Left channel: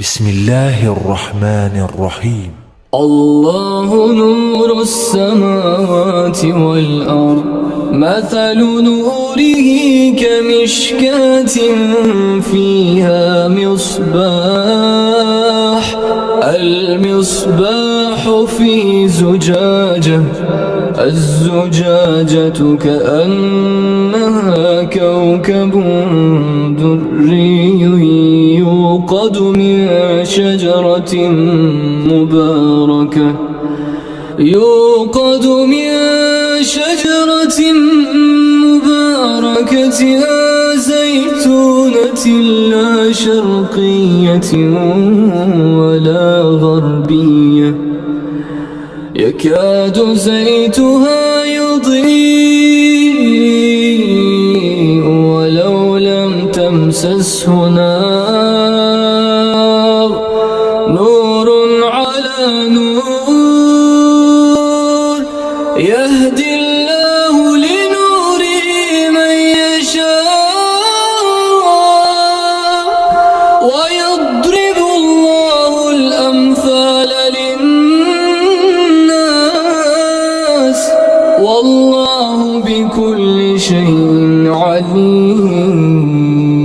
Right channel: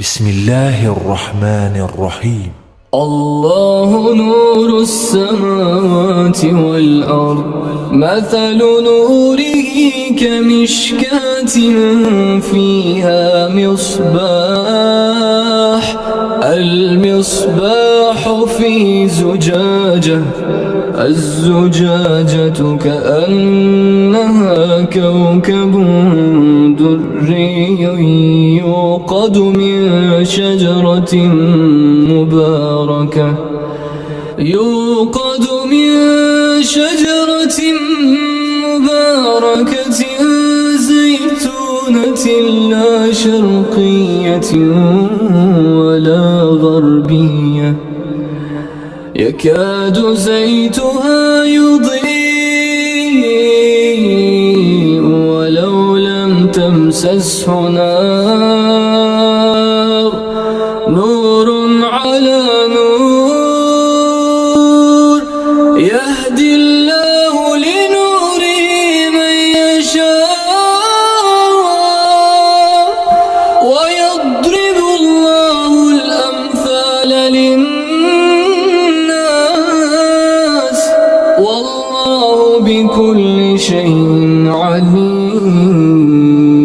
بسم الله الرحمن الرحيم. الله نور السماوات والأرض، مثل نوره كمشكاة فيها مصباح، المصباح في زجاجة، الزجاجة كأنها كوكب دري يوقد من شجرة مباركة زيتونة لا شرقية ولا غربية، يكاد زيتها يضيء ولو لم تمسسه نار، نور على نور، يهدي الله لنوره من يشاء ويضرب الله الأمثال للناس، والله بكل شيء عليم.